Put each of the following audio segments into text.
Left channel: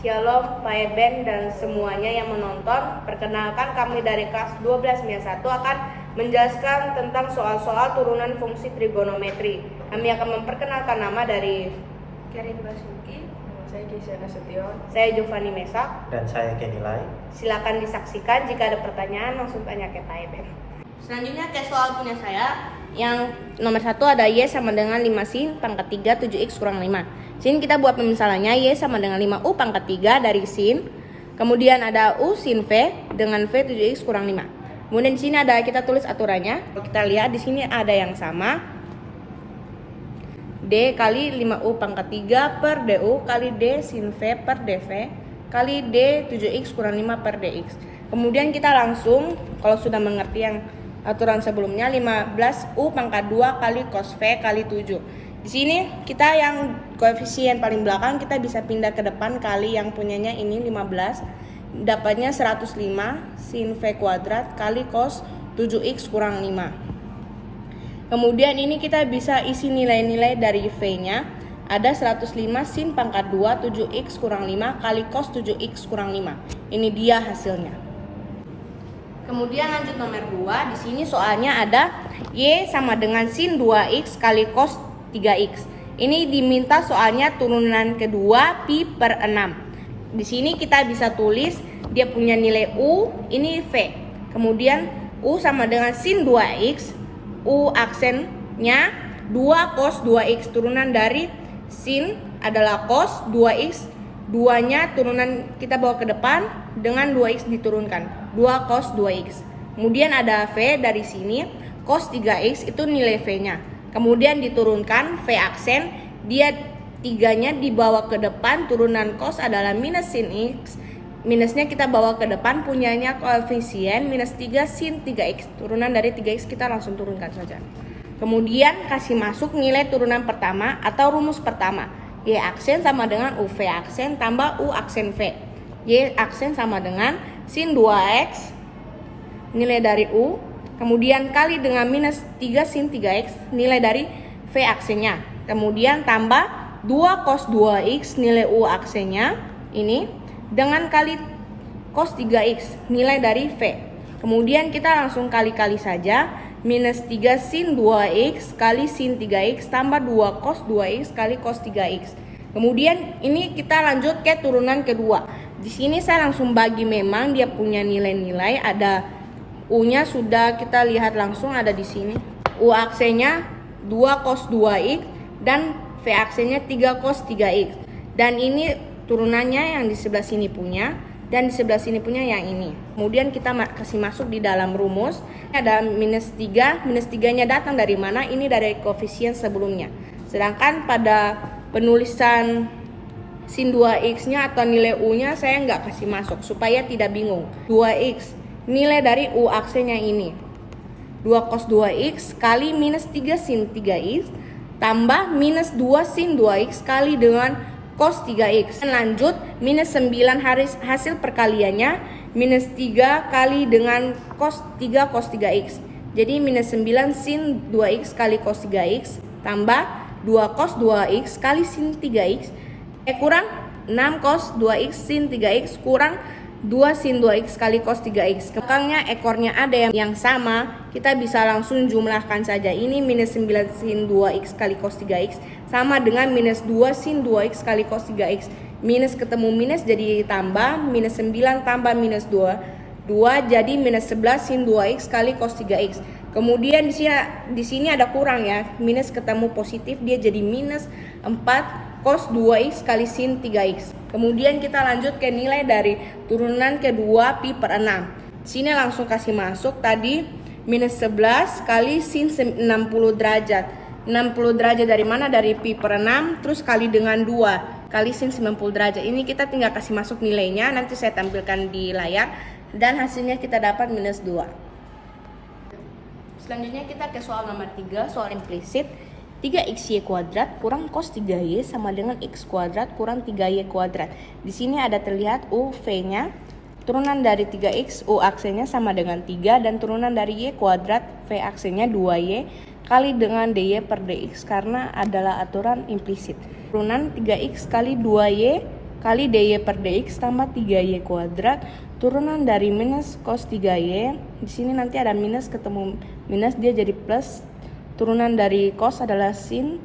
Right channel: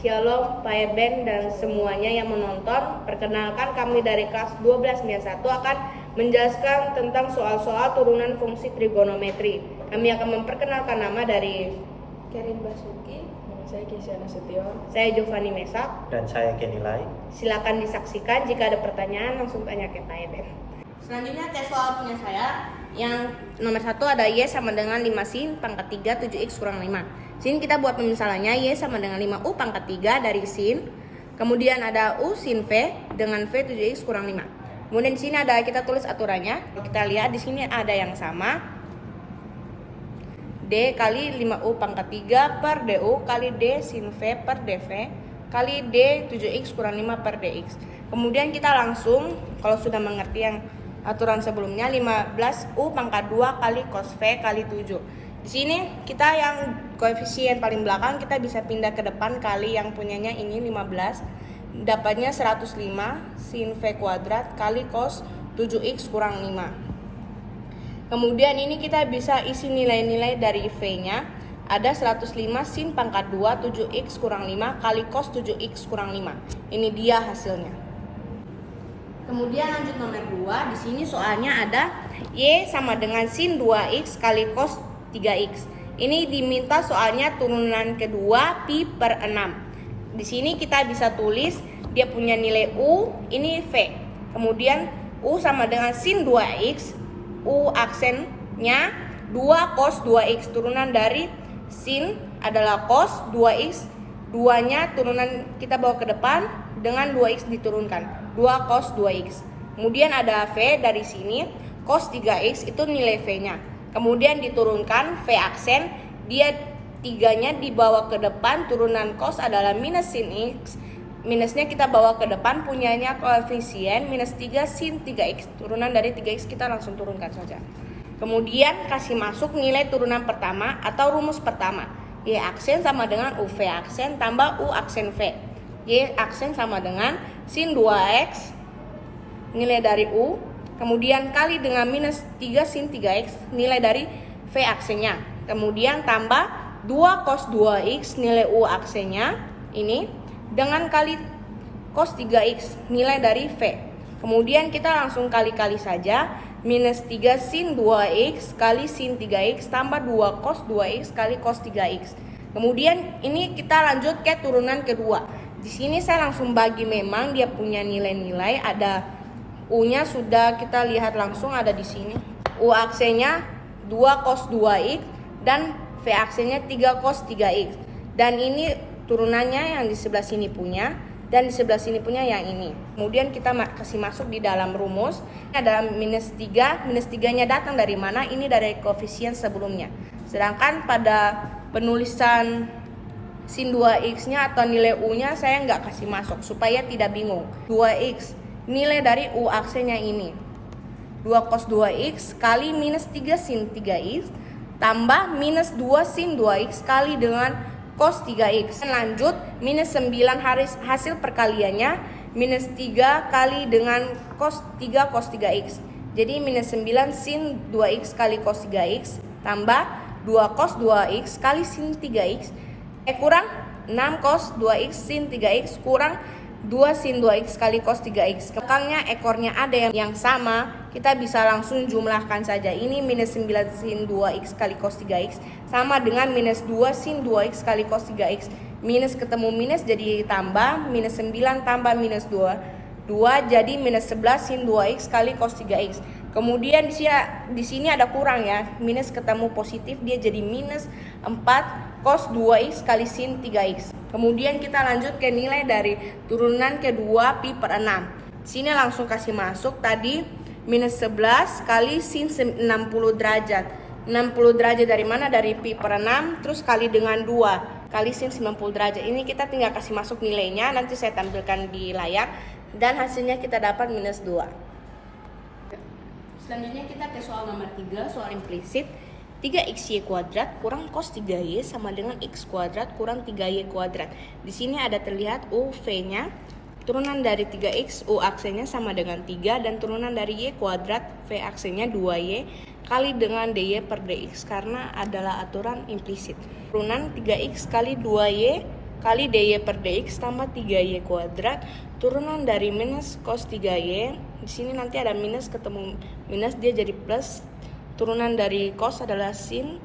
Shalom, Pak Eben dan semuanya yang menonton. Perkenalkan, kami dari kelas 12-1 akan menjelaskan tentang soal-soal turunan fungsi trigonometri. Kami akan memperkenalkan nama dari Karin Basuki, nama saya Kisyana Sution. saya Giovanni Mesak. Dan saya Kenilai. Silakan disaksikan, jika ada pertanyaan langsung tanya ke Pak Eben. Selanjutnya ke soal punya saya. Yang nomor 1 ada Y sama dengan 5 sin pangkat 3 7x kurang 5. Sini kita buat pemisalannya Y sama dengan 5U pangkat 3 dari sin. Kemudian ada U sin V dengan V 7x kurang 5. Kemudian di sini ada, kita tulis aturannya. Kita lihat di sini ada yang sama. D kali 5U pangkat 3 per DU kali D sin V per DV kali D 7x kurang 5 per DX. Kemudian kita langsung, kalau sudah mengerti yang aturan sebelumnya, 15U pangkat 2 kali cos V kali 7. Di sini kita yang koefisien paling belakang kita bisa pindah ke depan kali yang punyanya ini 15. Dapatnya 105 sin V kuadrat kali cos 7x kurang 5. Kemudian ini kita bisa isi nilai-nilai dari V-nya. Ada 105 sin pangkat 2 7x kurang 5 kali cos 7x kurang 5. Ini dia hasilnya. Kemudian lanjut nomor 2, di sini soalnya ada Y sama dengan sin 2x kali cos 3x. Ini diminta soalnya turunan kedua pi per 6. Di sini kita bisa tulis dia punya nilai U, ini V. Kemudian U sama dengan sin 2x, U aksennya 2 cos 2x, turunan dari sin adalah cos 2x, 2-nya turunan kita bawa ke depan dengan 2x diturunkan. 2 cos 2x. Kemudian ada V dari sini, cos 3x itu nilai V-nya. Kemudian diturunkan V aksen, dia 3-nya dibawa ke depan, turunan cos adalah minus sin x. Minusnya kita bawa ke depan, punyanya koefisien minus 3 sin 3x. Turunan dari 3x kita langsung turunkan saja. Kemudian kasih masuk nilai turunan pertama atau rumus pertama. Y aksen sama dengan UV aksen tambah U aksen V. Y aksen sama dengan sin 2x nilai dari U, kemudian kali dengan minus 3 sin 3x nilai dari V aksennya, kemudian tambah 2 cos 2x nilai U aksennya ini dengan kali cos 3x nilai dari V. Kemudian kita langsung kali-kali saja, minus 3 sin 2x kali sin 3x tambah 2 cos 2x kali cos 3x. Kemudian ini kita lanjut ke turunan kedua. Di sini saya langsung bagi, memang dia punya nilai-nilai, ada U-nya sudah kita lihat langsung ada di sini. U aksennya 2 cos 2x dan V aksennya 3 cos 3x. Dan ini turunannya yang di sebelah sini punya dan di sebelah sini punya yang ini. Kemudian kita kasih masuk di dalam rumus. Ada minus 3, minus 3-nya datang dari mana? Ini dari koefisien sebelumnya. Sedangkan pada penulisan sin 2x-nya atau nilai U-nya saya nggak kasih masuk supaya tidak bingung. 2x nilai dari U aksennya ini 2 cos 2x kali minus 3 sin 3x tambah minus 2 sin 2x kali dengan cos 3x. Lanjut minus 9 hasil perkaliannya minus 3 kali dengan cos 3 cos 3x. Jadi minus 9 sin 2x kali cos 3x tambah 2 cos 2x kali sin 3x kurang 6 cos 2x sin 3x kurang 2 sin 2x kali cos 3x. Belakangnya ekornya ada yang sama, kita bisa langsung jumlahkan saja. Ini minus 9 sin 2x kali cos 3x sama dengan minus 2 sin 2x kali cos 3x. Minus ketemu minus jadi tambah, minus 9 tambah minus 2 jadi minus 11 sin 2x kali cos 3x. Kemudian di sini ada kurang ya, minus ketemu positif dia jadi minus 4 cos 2x kali sin 3x. Kemudian kita lanjut ke nilai dari turunan kedua pi per 6. Sini langsung kasih masuk tadi minus 11 kali sin 60 derajat. 60 derajat dari mana? Dari pi per 6 terus kali dengan 2 kali sin 90 derajat. Ini kita tinggal kasih masuk nilainya, nanti saya tampilkan di layar dan hasilnya kita dapat minus 2. Selanjutnya kita ke soal nomor 3, soal implisit. 3xy kuadrat kurang cos 3y sama dengan x kuadrat kurang 3y kuadrat. Di sini ada terlihat U V-nya, turunan dari 3x U aksennya sama dengan 3 dan turunan dari y kuadrat V aksennya 2y kali dengan dy per dx karena adalah aturan implisit. Turunan 3x kali 2y kali dy per dx tambah 3y kuadrat turunan dari minus cos 3y. Di sini nanti ada minus ketemu minus, dia jadi plus. Turunan dari cos adalah sin,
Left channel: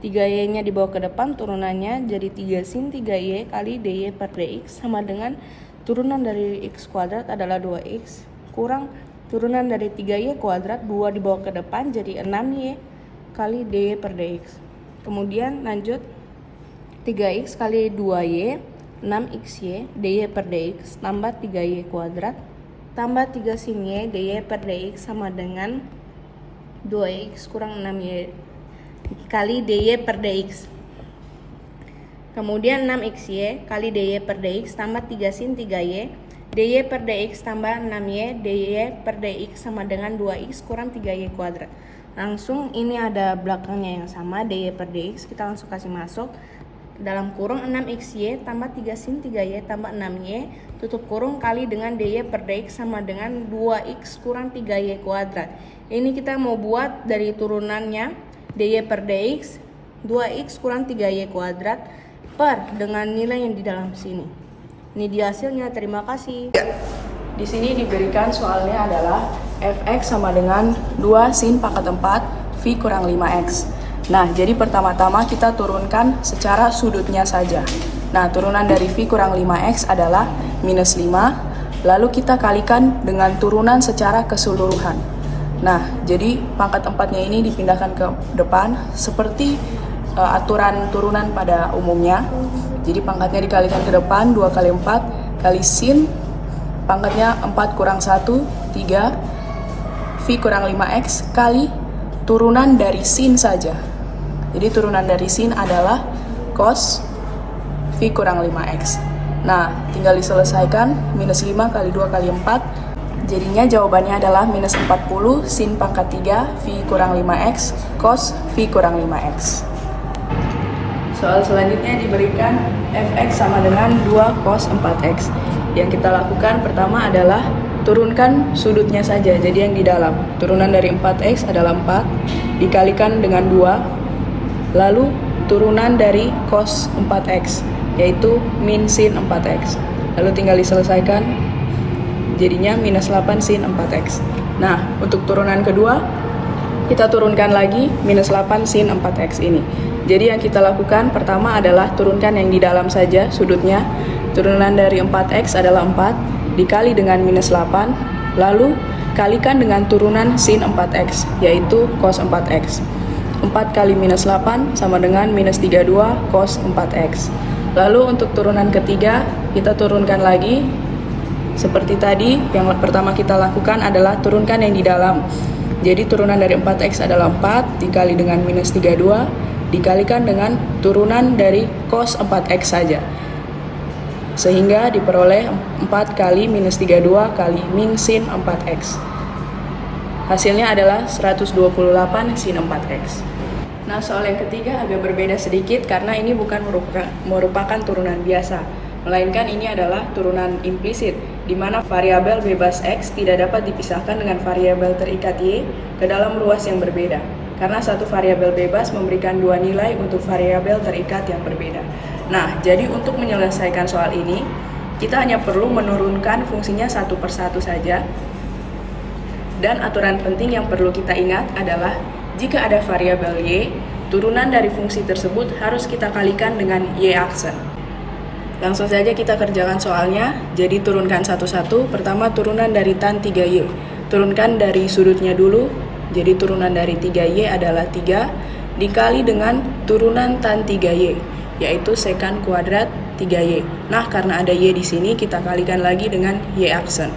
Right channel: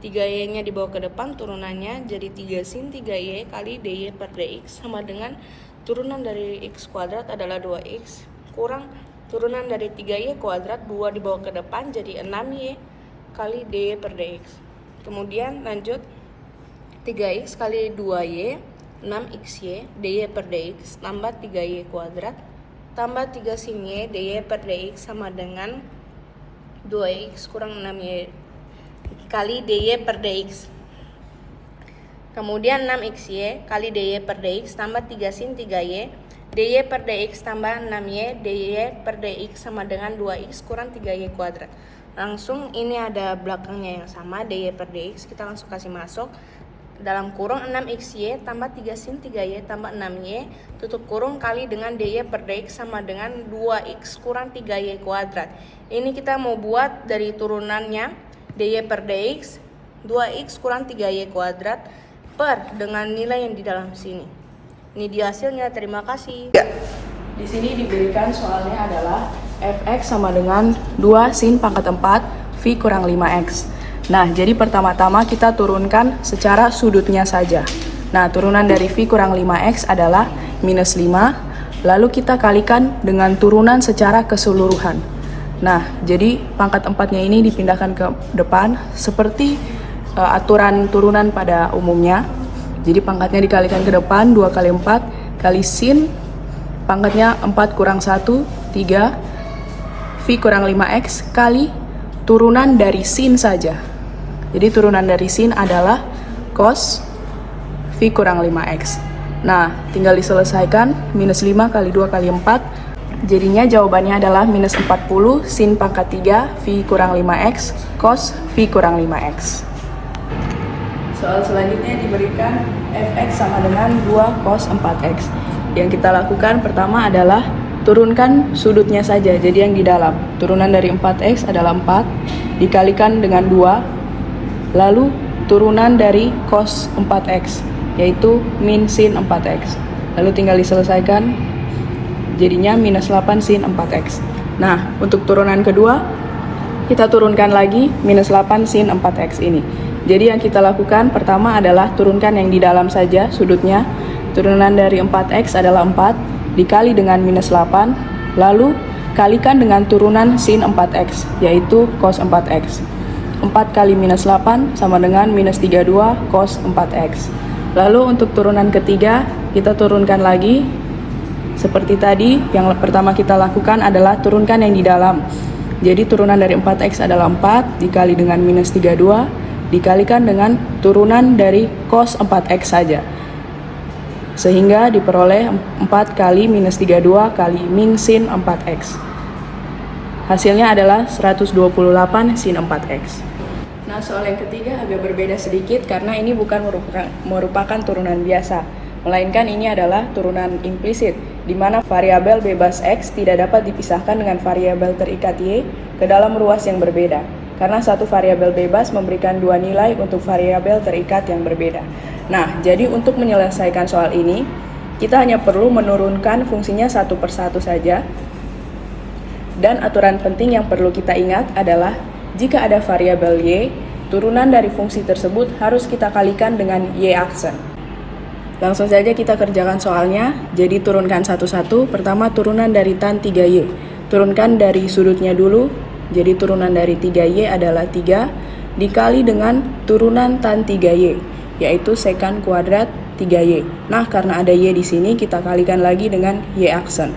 3y-nya dibawa ke depan, turunannya jadi 3 sin 3y kali dy per dx sama dengan turunan dari x kuadrat adalah 2x kurang turunan dari 3y kuadrat, 2 dibawa ke depan jadi 6y kali dy per dx. Kemudian lanjut 3x kali 2y 6xy dy per dx tambah 3y kuadrat tambah 3 sin y dy per dx sama dengan 2x kurang 6y kali dy per dx. Kemudian 6xy kali dy per dx tambah 3 sin 3y dy per dx tambah 6y dy per dx sama dengan 2x kurang 3y kuadrat. Langsung ini ada belakangnya yang sama, dy per dx kita langsung kasih masuk dalam kurung 6xy tambah 3 sin 3y tambah 6y tutup kurung kali dengan dy per dx sama dengan 2x kurang 3y kuadrat. Ini kita mau buat dari turunannya dy per dx 2x kurang 3y kuadrat per dengan nilai yang di dalam sini. Ini dia hasilnya, terima kasih. Di sini diberikan soalnya adalah fx sama dengan 2 sin pangkat 4 v kurang 5x. Nah, jadi pertama-tama kita turunkan secara sudutnya saja. Nah, turunan dari v kurang 5x adalah minus 5, lalu kita kalikan dengan turunan secara keseluruhan. Nah, jadi pangkat 4-nya ini dipindahkan ke depan seperti aturan turunan pada umumnya. Jadi pangkatnya dikalikan ke depan, 2 kali 4 kali sin, pangkatnya 4 kurang 1, 3, v kurang 5x kali turunan dari sin saja. Jadi turunan dari sin adalah cos v kurang 5x. Nah, tinggal diselesaikan, minus 5 kali 2 kali 4, jadinya jawabannya adalah minus 40 sin pangkat 3 v kurang 5x cos v kurang 5x. Soal selanjutnya diberikan fx sama dengan 2 cos 4x. Yang kita lakukan pertama adalah turunkan sudutnya saja, jadi yang di dalam. Turunan dari 4x adalah 4, dikalikan dengan 2, lalu turunan dari cos 4x, yaitu min sin 4x. Lalu tinggal diselesaikan, jadinya minus 8 sin 4x. Nah, untuk turunan kedua, kita turunkan lagi minus 8 sin 4x ini. Jadi yang kita lakukan pertama adalah turunkan yang di dalam saja sudutnya. Turunan dari 4x adalah 4, dikali dengan minus 8, lalu kalikan dengan turunan sin 4x, yaitu cos 4x. 4 kali minus 8 sama dengan minus 32 cos 4x. Lalu untuk turunan ketiga, kita turunkan lagi. Seperti tadi, yang pertama kita lakukan adalah turunkan yang di dalam. Jadi turunan dari 4x adalah 4, dikali dengan minus 32, dikalikan dengan turunan dari cos 4x saja. Sehingga diperoleh 4 kali minus 32 kali min sin 4x. Hasilnya adalah 128 sin 4x. Nah, soal yang ketiga agak berbeda sedikit karena ini bukan merupakan turunan biasa, melainkan ini adalah turunan implisit, di mana variabel bebas x tidak dapat dipisahkan dengan variabel terikat y ke dalam ruas yang berbeda. Karena satu variabel bebas memberikan dua nilai untuk variabel terikat yang berbeda. Nah, jadi untuk menyelesaikan soal ini, kita hanya perlu menurunkan fungsinya satu persatu saja. Dan aturan penting yang perlu kita ingat adalah, jika ada variabel y, turunan dari fungsi tersebut harus kita kalikan dengan y aksen. Langsung saja kita kerjakan soalnya. Jadi turunkan satu-satu. Pertama turunan dari tan 3y. Turunkan dari sudutnya dulu. Jadi turunan dari 3y adalah 3 dikali dengan turunan tan 3y, yaitu sekan kuadrat 3y. Nah, karena ada y di sini, kita kalikan lagi dengan y aksen.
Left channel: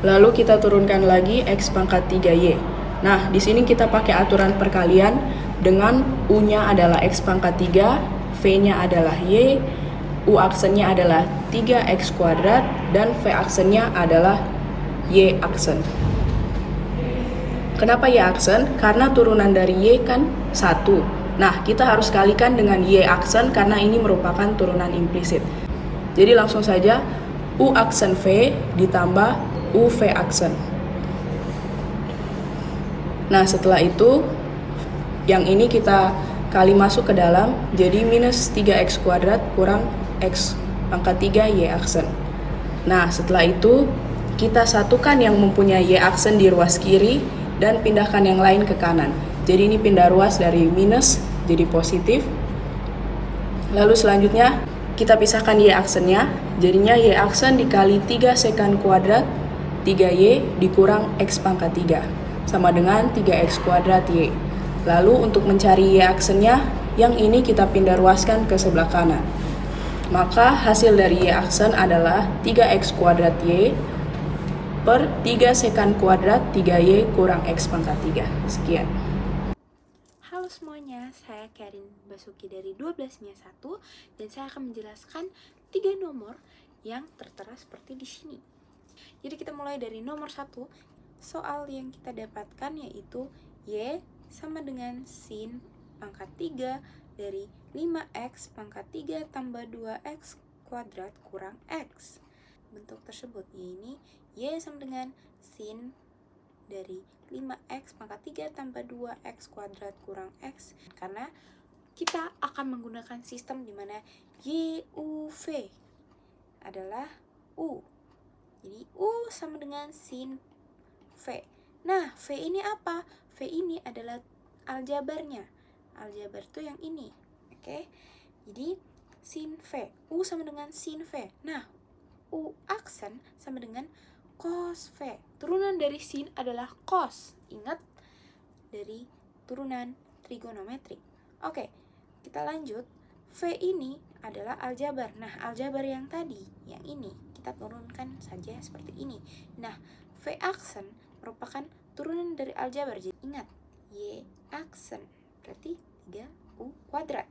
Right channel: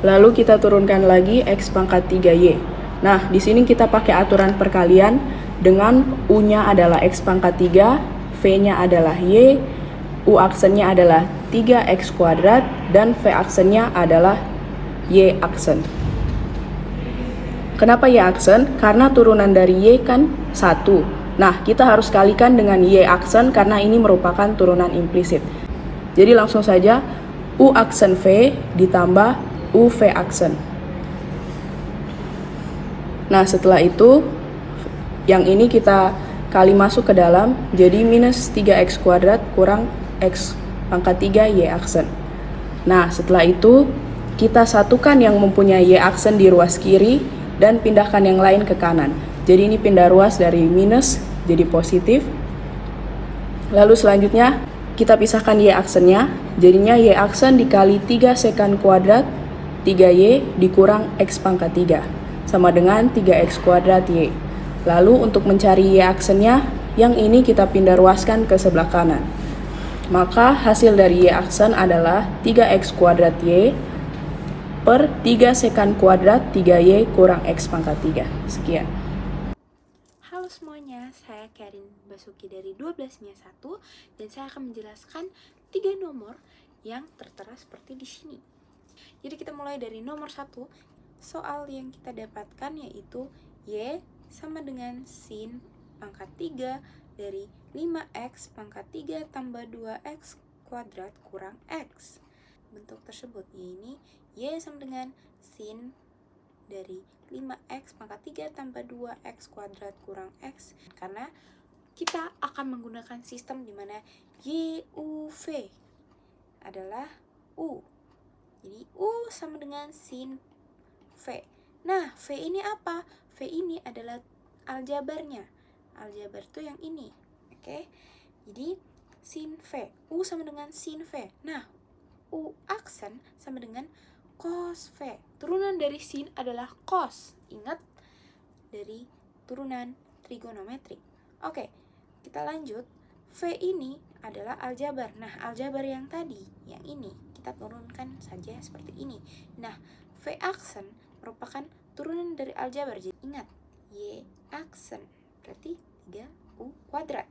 Lalu kita turunkan lagi x pangkat 3y. Nah, di sini kita pakai aturan perkalian dengan u-nya adalah x pangkat 3, v-nya adalah y, u aksennya adalah 3x kuadrat, dan v aksennya adalah y aksen. Kenapa y aksen? Karena turunan dari y kan 1. Nah, kita harus kalikan dengan y aksen karena ini merupakan turunan implisit. Jadi langsung saja u aksen v ditambah u v aksen. Nah, setelah itu yang ini kita kali masuk ke dalam, jadi minus 3x kuadrat kurang x pangkat 3 Y aksen. Nah, setelah itu kita satukan yang mempunyai Y aksen di ruas kiri dan pindahkan yang lain ke kanan. Jadi ini pindah ruas dari minus jadi positif. Lalu selanjutnya kita pisahkan Y aksennya. Jadinya Y aksen dikali 3 sekan kuadrat 3Y dikurang X pangkat 3 sama dengan 3X kuadrat Y. Lalu untuk mencari Y aksennya, yang ini kita pindah ruaskan ke sebelah kanan. Maka hasil dari Y aksen adalah 3X kuadrat Y per 3 sekan kuadrat 3Y kurang X pangkat 3. Sekian. Halo semuanya, saya Karin Basuki dari 12-1 dan saya akan menjelaskan 3 nomor yang tertera seperti di sini. Jadi kita mulai dari nomor 1. Soal yang kita dapatkan yaitu Y sama dengan sin pangkat 3 dari 5X pangkat 3 tambah 2X kuadrat kurang X. Bentuk tersebut ini Y sama dengan sin dari 5X pangkat 3 tambah 2X kuadrat kurang X. Karena kita akan menggunakan sistem di mana YUV adalah U. Jadi U sama dengan sin V. Nah, V ini apa? V ini adalah aljabarnya. Aljabar itu yang ini. Oke. Jadi sin V. U sama dengan sin V. Nah, U aksen sama dengan cos V. Turunan dari sin adalah cos. Ingat, dari turunan trigonometri. Oke, kita lanjut. V ini adalah aljabar. Nah, aljabar yang tadi, yang ini, kita turunkan saja seperti ini. Nah, V aksen merupakan turunan dari aljabar. Jadi ingat, Y aksen berarti 3U kuadrat.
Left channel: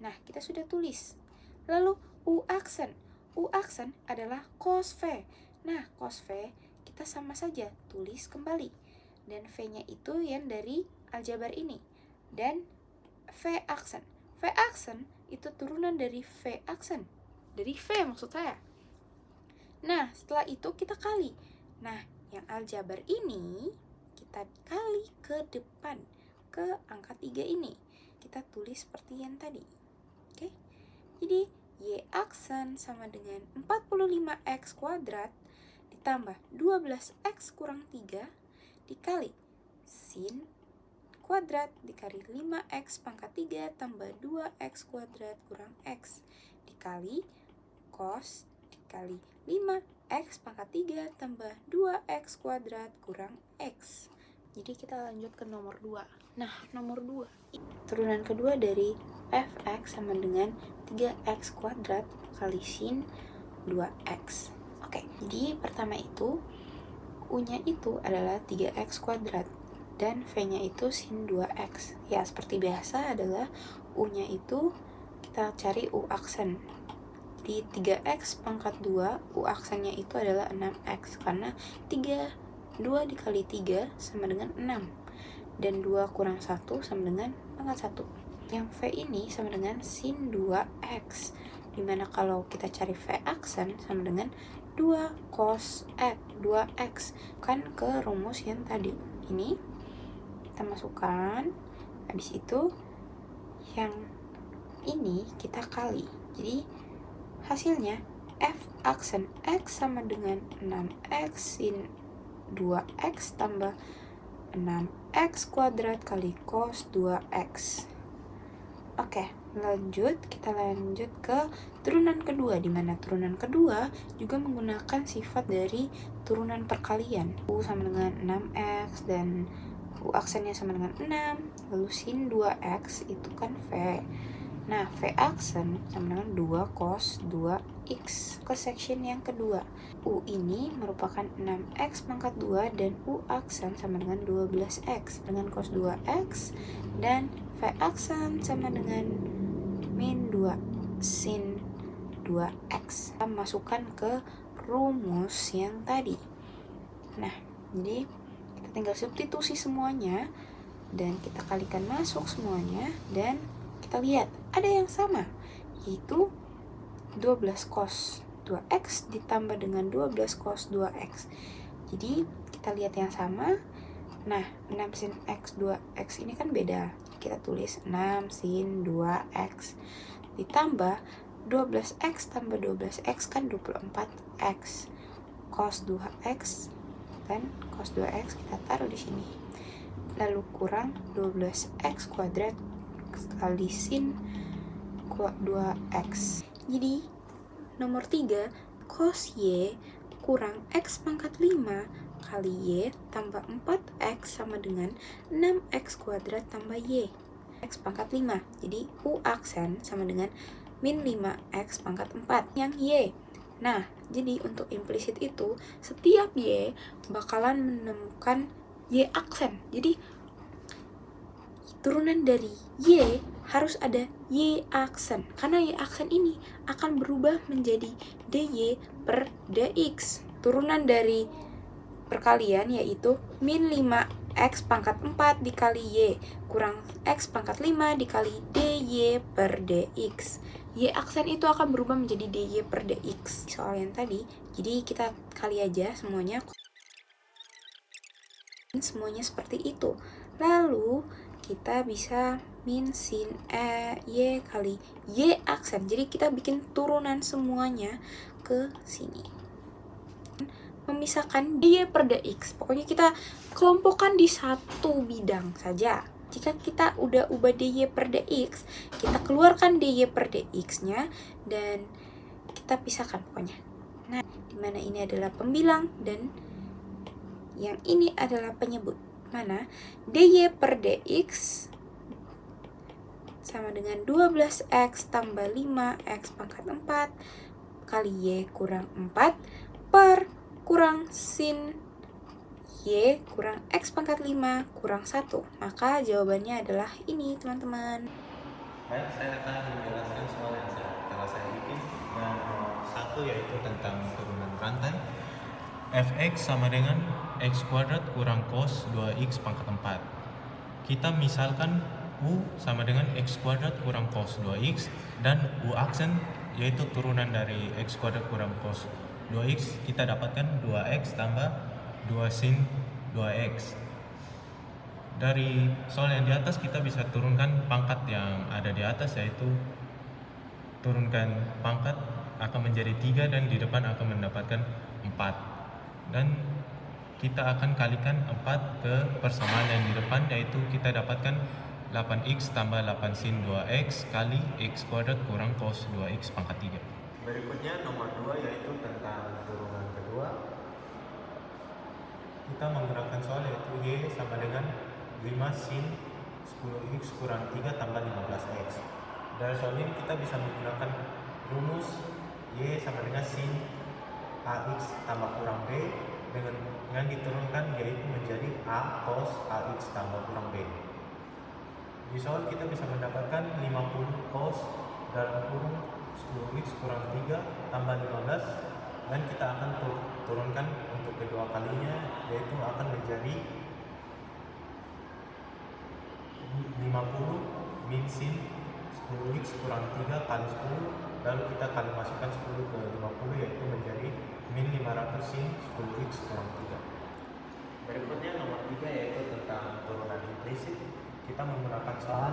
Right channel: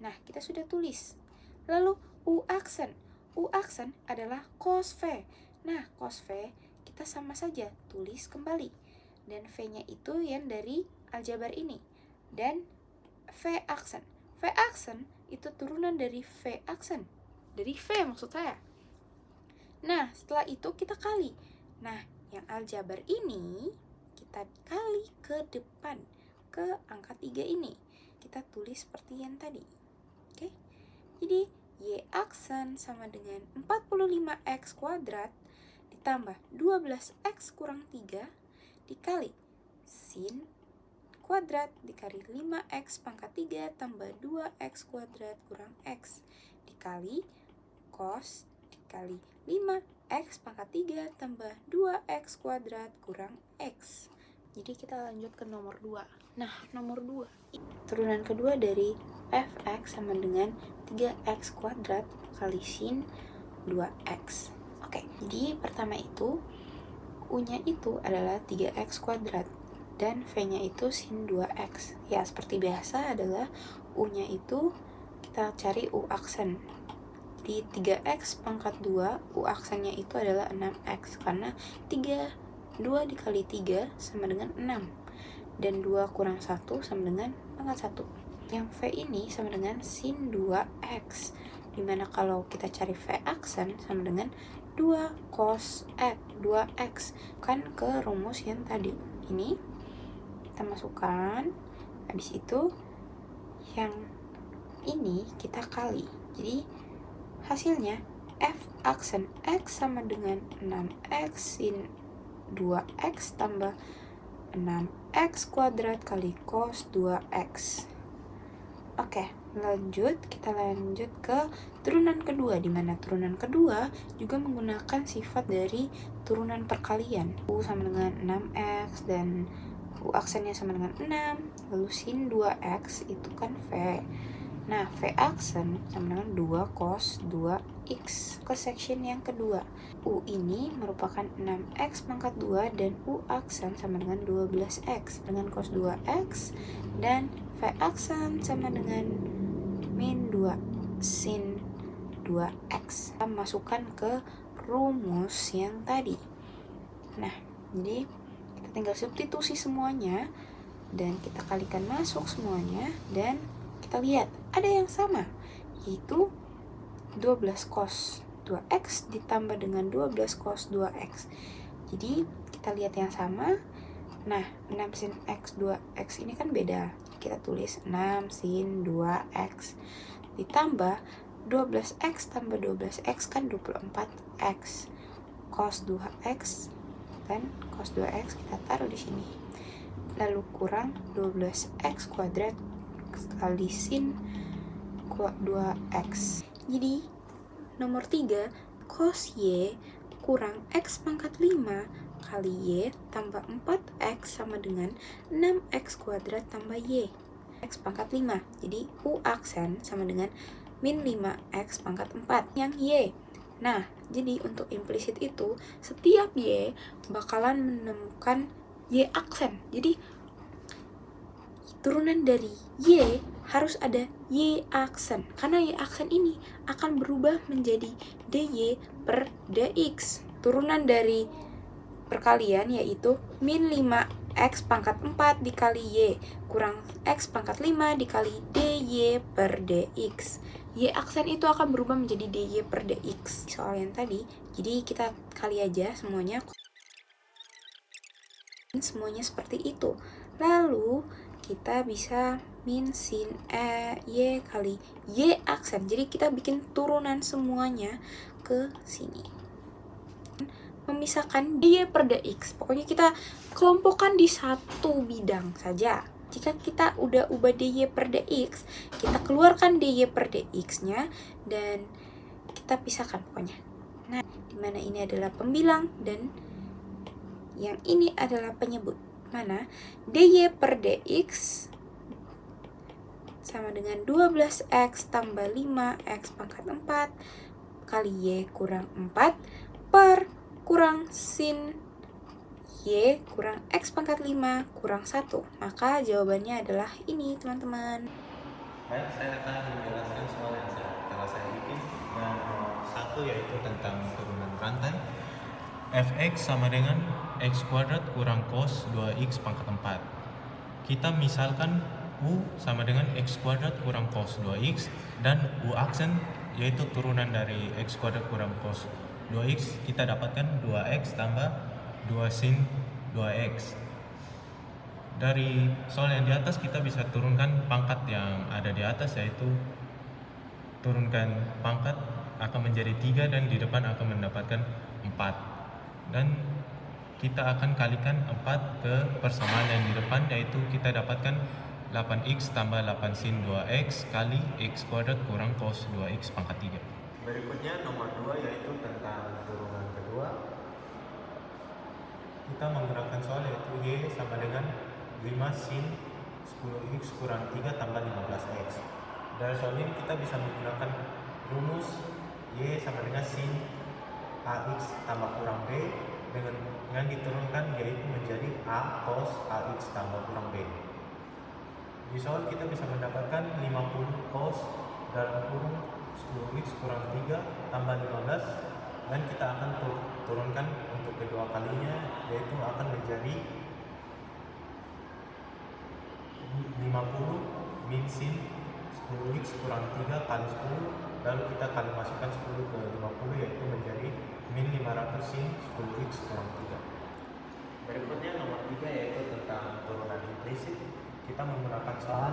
Nah, kita sudah tulis. Lalu U aksen. U aksen adalah cos V. Nah, cos V kita sama saja tulis kembali. Dan V-nya itu yang dari aljabar ini. Dan V aksen. V aksen itu turunan dari V aksen. Dari V maksud saya. Nah, setelah itu kita kali. Nah, yang aljabar ini kita kali ke depan, ke angka 3 ini. Kita tulis seperti yang tadi. Oke? Jadi, Y aksen sama dengan 45X kuadrat ditambah 12X kurang 3 dikali sin kuadrat dikali 5X pangkat 3 tambah 2X kuadrat kurang X dikali cos dikali 5X pangkat 3 tambah 2X kuadrat kurang X. Jadi kita lanjut ke nomor 2. Nah, nomor 2. Turunan kedua dari fx sama dengan 3x kuadrat kali sin 2x. Oke, jadi pertama itu u-nya itu adalah 3x kuadrat dan v-nya itu sin 2x. Ya, seperti biasa adalah u-nya itu kita cari u aksen. Di 3x pangkat 2, u aksennya itu adalah 6x karena 2 dikali 3 sama dengan 6 dan 2 kurang 1 sama dengan pangkat 1. Yang V ini sama dengan sin 2x, dimana kalau kita cari V aksen sama dengan 2 cos X 2x kan ke rumus yang tadi. Ini kita masukkan, habis itu yang ini kita kali. Jadi hasilnya F aksen X sama dengan 6x sin 2x tambah 6x kuadrat kali cos 2x. Oke, kita lanjut ke turunan kedua, di mana turunan kedua juga menggunakan sifat dari turunan perkalian. U sama dengan 6x dan U aksennya sama dengan 6, lalu sin 2x itu kan V. Nah, V aksen sama dengan 2 cos 2x. Ke section yang kedua, U ini merupakan 6x pangkat 2 dan U aksen sama dengan 12x dengan cos 2x dan V aksen sama dengan min 2 sin 2x. Kita masukkan ke rumus yang tadi. Nah, jadi kita tinggal substitusi semuanya dan kita kalikan masuk semuanya dan kita lihat ada yang sama, yaitu 12 cos 2x ditambah dengan 12 cos 2x. Jadi kita lihat yang sama. Nah, 6 sin x 2x ini kan beda. Kita tulis 6 sin 2x ditambah 12x tambah 12x kan 24x. Cos 2x dan cos 2x kita taruh di sini. Lalu kurang 12x kuadrat kali sin 2x. Jadi nomor 3, cos y kurang x pangkat 5 kali y tambah 4x sama dengan 6x kuadrat tambah y. X pangkat 5. Jadi u aksen sama dengan min 5x pangkat 4 yang y. Nah, jadi untuk implisit itu setiap y bakalan menemukan y aksen. Jadi turunan dari y harus ada y aksen. Karena y aksen ini akan berubah menjadi dy per dx. Turunan dari perkalian yaitu min 5x pangkat 4 dikali y kurang x pangkat 5 dikali dy per dx. Y aksen itu akan berubah menjadi dy per dx. Soal yang tadi, jadi kita kali aja semuanya seperti itu. Lalu kita bisa min sin y kali y aksen. Jadi kita bikin turunan semuanya ke sini. Memisahkan dy per dx. Pokoknya kita kelompokkan di satu bidang saja. Jika kita udah ubah dy per dx, kita keluarkan dy per dx-nya dan kita pisahkan pokoknya. Nah, dimana ini adalah pembilang dan yang ini adalah penyebut. Mana dy per dx sama dengan 12x tambah 5x pangkat 4 kali y kurang 4 per kurang sin y kurang x pangkat 5 kurang 1. Maka jawabannya adalah ini, teman-teman. Baik, saya akan menjelaskan soal yang telah saya bikin. Yang satu yaitu tentang turunan rantai. Fx sama dengan x kuadrat kurang cos 2x pangkat 4. Kita misalkan u sama dengan x kuadrat kurang cos 2x dan u aksen yaitu turunan dari x kuadrat kurang cos 2x, kita dapatkan 2x tambah 2 sin 2x. Dari soal yang di atas kita bisa turunkan pangkat yang ada di atas, yaitu turunkan pangkat akan menjadi 3 dan di depan akan mendapatkan 4. Dan kita akan kalikan 4 ke persamaan yang di depan, yaitu kita dapatkan 8x tambah 8 sin 2x kali x kuadrat kurang cos 2x pangkat 3. Berikutnya nomor 2 yaitu tentang turunan kedua. Kita menggunakan soal yaitu y sama dengan 5 sin 10x kurang 3 tambah 15x. Dari soal ini kita bisa menggunakan rumus y sama dengan sin ax tambah kurang b dengan diturunkan yaitu menjadi a cos ax tambah kurang b. Di soal kita bisa mendapatkan 50 cos dalam kurung 10x kurang 3 tambah 15 dan kita akan turunkan untuk kedua kalinya yaitu akan menjadi 50 min sin 10x kurang 3 kali 10, lalu kita kali masukkan 10 ke 50 yaitu menjadi min 500 sin 10x kurang 3. Berikutnya nomor 3 yaitu tentang turunan implisit. Kita menggunakan soal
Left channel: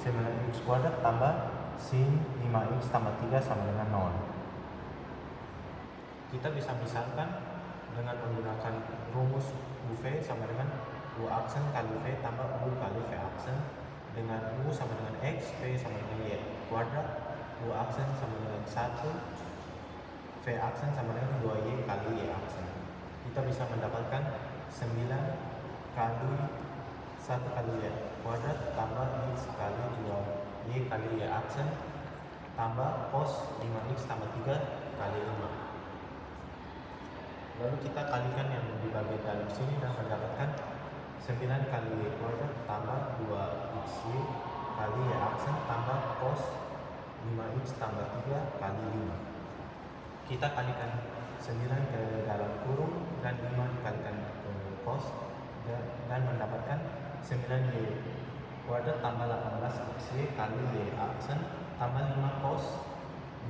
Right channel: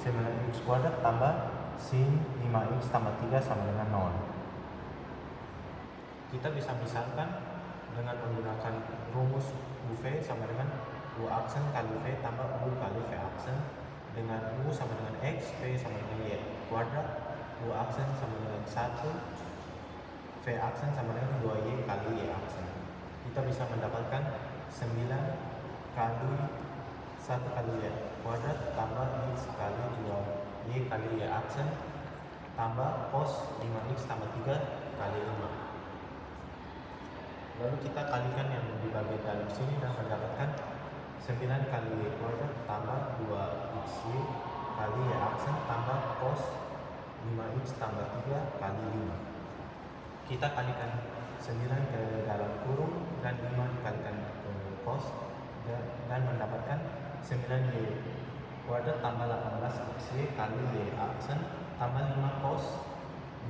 9x kuadrat tambah sin 5x tambah 3 sama dengan 0. Kita bisa misalkan dengan menggunakan rumus UV sama dengan U aksen kali V tambah U kali V aksen, dengan U sama dengan X, V sama dengan Y kuadrat, U aksen sama dengan 1, V aksen sama dengan 2Y kali Y aksen. Kita bisa mendapatkan 9 kali 1 kali Y kuadrat tambah X kali 2Y kali Y aksen tambah cos 5X tambah 3 kali 5. Lalu kita kalikan yang di bagian dalam sini dan mendapatkan 9 kali Y kuadrat tambah 2XY kali Y aksen tambah cos 5X tambah 3 kali 5. Kita kalikan 9 ke dalam kurung dan 5 dikalikan ke cos dan mendapatkan 9Y kuadrat tambah 18XY kali Y aksen tambah 5 cos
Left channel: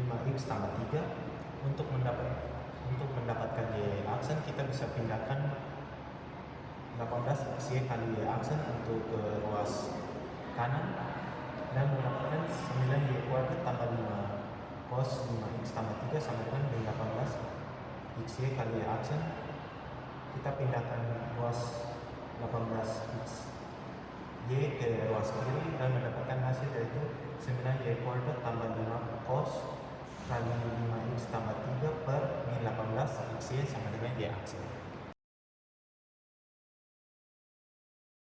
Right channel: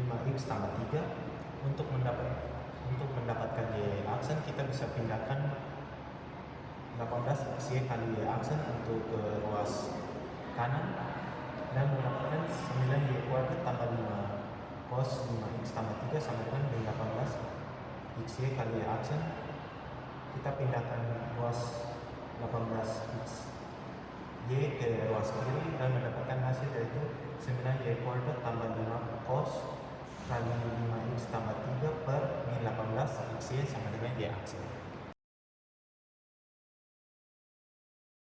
5X tambah 3. Untuk mendapatkan Y aksen kita bisa pindahkan 18XY kali Y aksen untuk ke ruas kanan dan mendapatkan 9Y kuadrat tambah 5 cos 5x tambah 3 sama dengan B18 XY kali aksen. Kita pindahkan ruas 18x Y ke ruas kiri dan mendapatkan hasil yaitu 9Y kuadrat tambah 5 cos kali 5x tambah 3 per min 18 XY sama dengan Y aksen.